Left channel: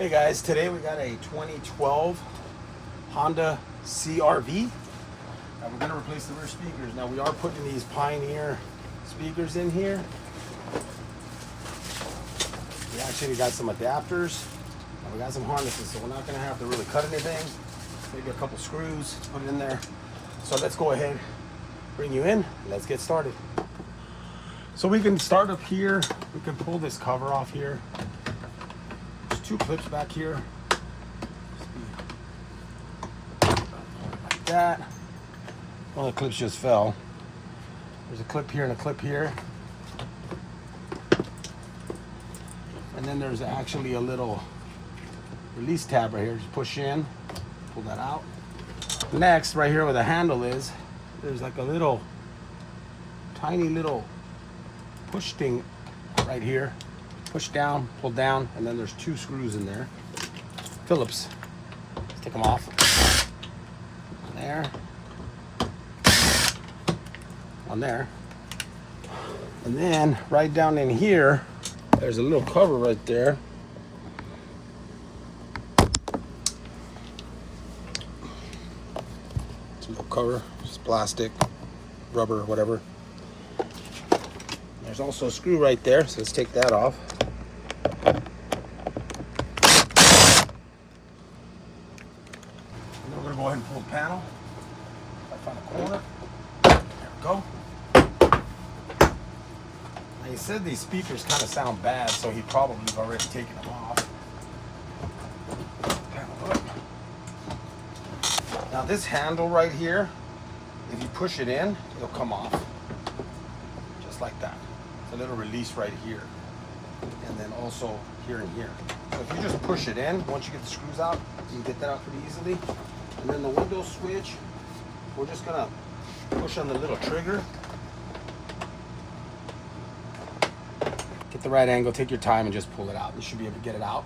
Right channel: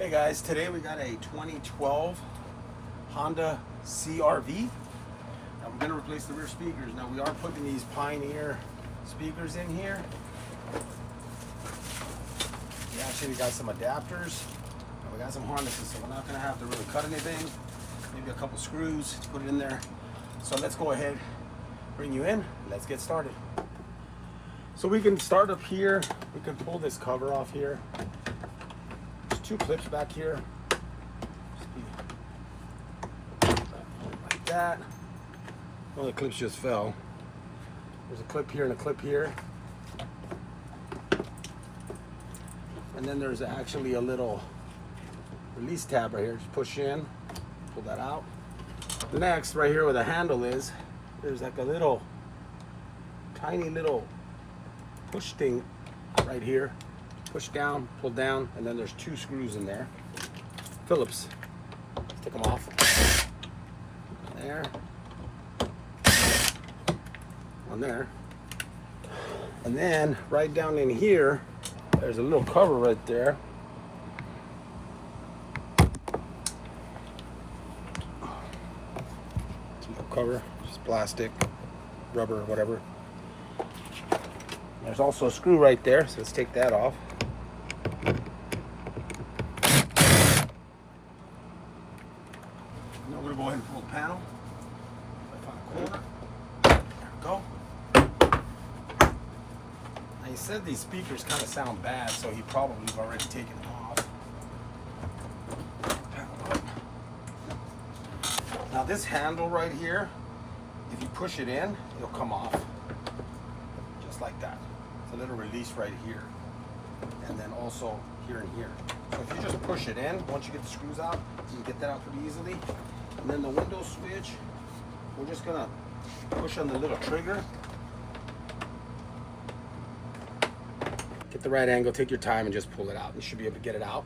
Hey guys, today we got a 2012 Honda CR-V. Now we're going to replace the rear speakers. Now we are putting these Pioneer speakers in here. We actually got some adapters and we got some harnesses, so we're not going to have to really cut anything. Maybe a couple screws, put it in there. So let's go ahead, bring you in, let's get started. So we can start up here. We can pull this cover off here. There's two clips back here. Like that. One of the clips just fell. There's a clip here and a clip here. And then there's actually a little release tab right here. Just push in, pull that out. Next, right here where the handle is, there's like a little, tiny little push thing right here. Push down, pull down, and then there's two screws in there. Phillips. Let's take them off. There. On there. And then right down in here, there's a little cover right there. It's a little cover, it's plastic, rubber, whatever. There's also a screw right there, so let's take that off. And then we're gonna go ahead and pull the panel. I found a corner. There we go. Now he said these speakers kind of sound bad, so he probably has already taken them off. Panel up. Now this handle right here, if you push it in, it'll come off. Just like that. It's a little release right here. And then also here and here. So if you just push it in, once you get the screws out, you can get that out pretty easily. And then the window switch, we're just gonna push on the little trigger. Get the right angle, take your time and just pull it out. You should be able to get it out.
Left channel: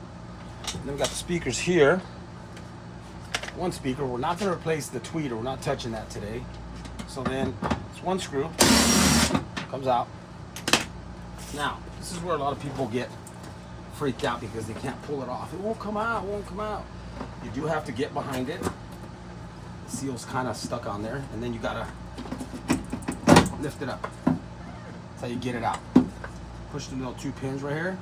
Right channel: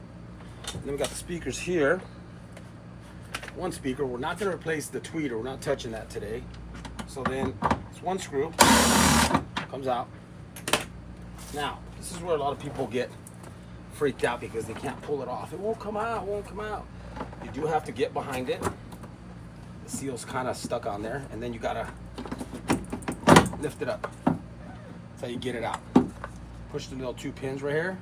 And then we got the speakers here. One speaker, we're not gonna replace the tweeter, we're not touching that today. So then it's one screw, comes out. Now, this is where a lot of people get freaked out because they can't pull it off. It won't come out, it won't come out. You do have to get behind it. The seal's kind of stuck on there, and then you gotta lift it up. That's how you get it out. Push the little two pins right here.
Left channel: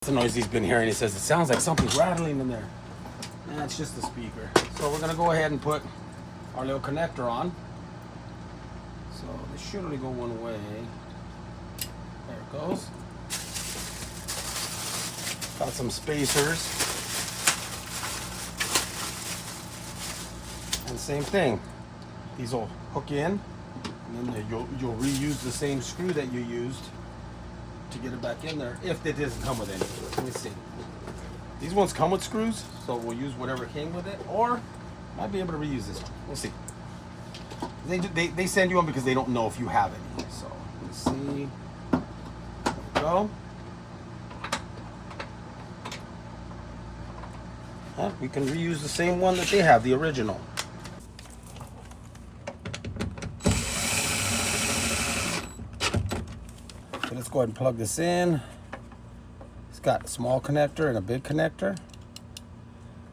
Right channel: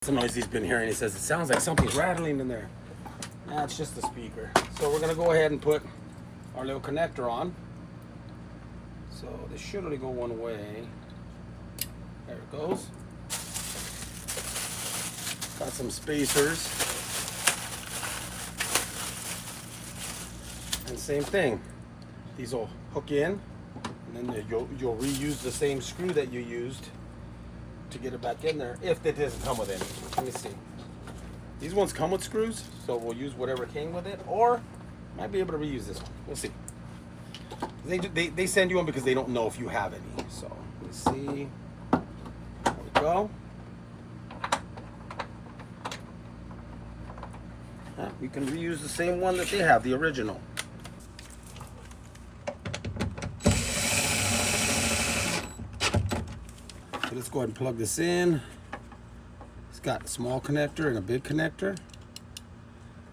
That's the noise he's been hearing. He says, it sounds like something's rattling in there. Nah, it's just the speaker. So we're gonna go ahead and put our little connector on. So this should only go one way. There it goes. Got some spacers. And same thing. These will hook in, and then you'll reuse the same screw that you used to get it back in there, if it doesn't come with any. Let me see. These ones come with screws, so we'll use whatever came with it, or might be able to reuse this one. We'll see. They send you one because they don't know if you have any. So let's see. There we go. We can reuse the same one that they have, the original. So let's go ahead and plug this in. It's got a small connector and a big connector.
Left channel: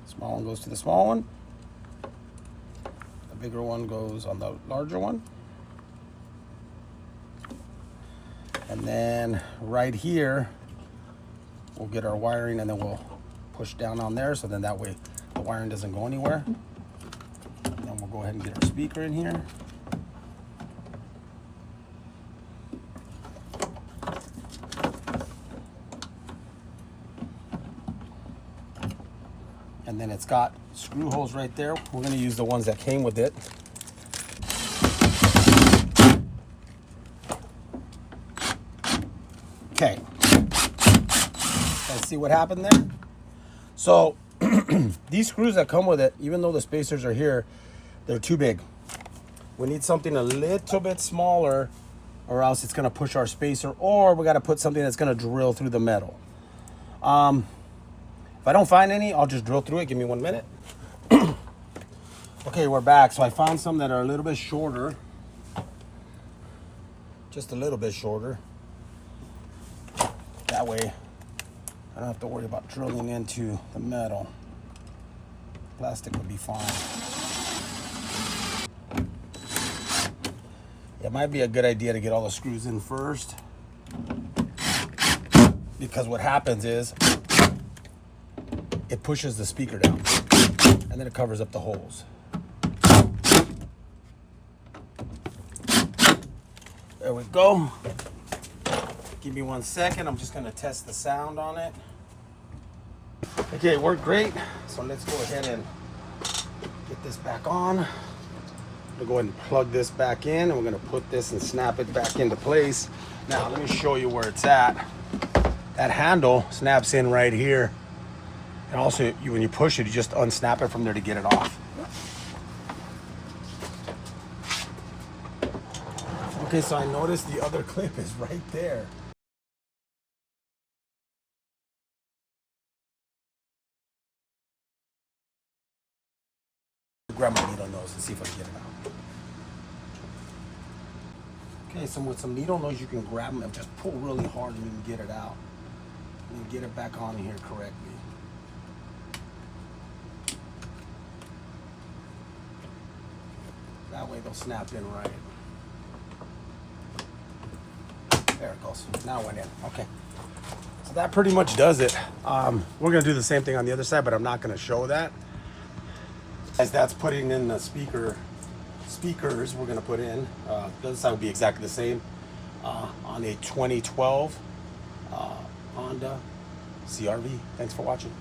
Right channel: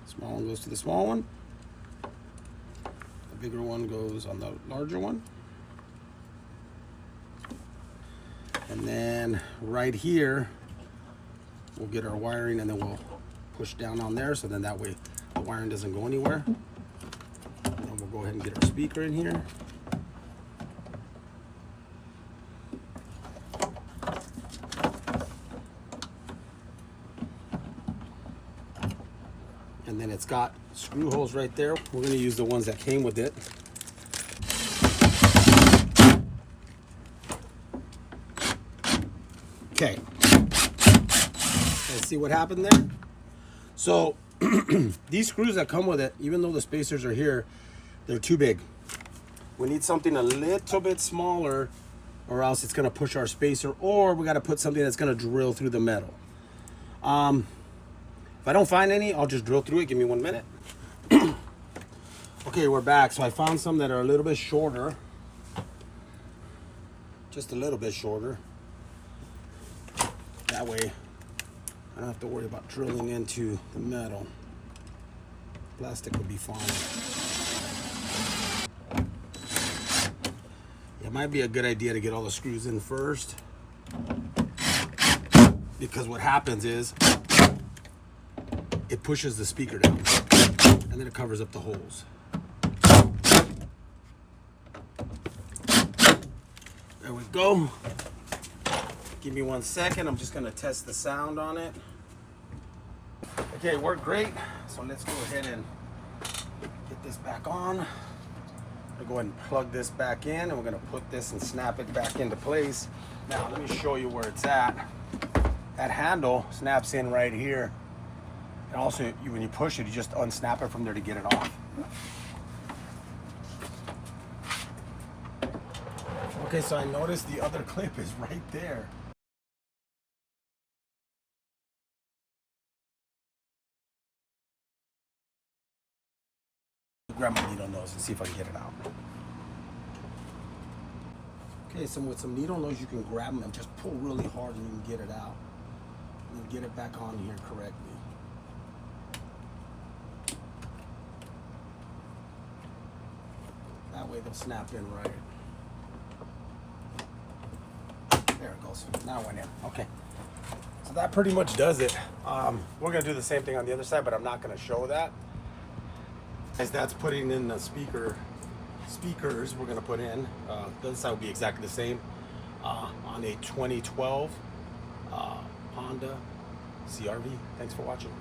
Small one goes to the small one. The bigger one goes on the larger one. And then right here, we'll get our wiring and then we'll push down on there, so then that way the wiring doesn't go anywhere. And then we'll go ahead and get our speaker in here. And then it's got screw holes right there. We're going to use the ones that came with it. Okay. Let's see what happened there. So these screws that come with it, even though the spacers are here, they're too big. We need something a little bit smaller, or else it's going to push our spacer, or we got to put something that's going to drill through the metal. If I don't find any, I'll just drill through it. Give me 1 minute. Okay, we're back. So I found some that are a little bit shorter. Just a little bit shorter. That way I don't have to worry about drilling into the metal. Plastic would be fine. It might be a good idea to get all the screws in first, because what happens is it pushes the speaker down and then it covers up the holes. There we go. Give me 1 second. I'm just going to test the sound on it. Okay, it worked great. So let's go ahead and get this back on. We'll go ahead and plug this back in, and we're going to put this and snap it back into place. Now, let me show you where it's at. That handle snaps in right here. And also, when you push it, you just unsnap it from there to get it off. Okay, so I noticed the other clip is right there. Grab my needle nose and see if I can get it out. Okay, so with some needle nose, you can grab them and just pull really hard and you can get it out. And get it back on here correctly. That way they'll snap in right. There it goes. Now it went in. Okay. So that pretty much does it. We're going to do the same thing on the other side, but I'm not going to show that. As that's putting in the speakers we're going to put in. The other side will be exactly the same. On a 2012 Honda CRV. Thanks for watching.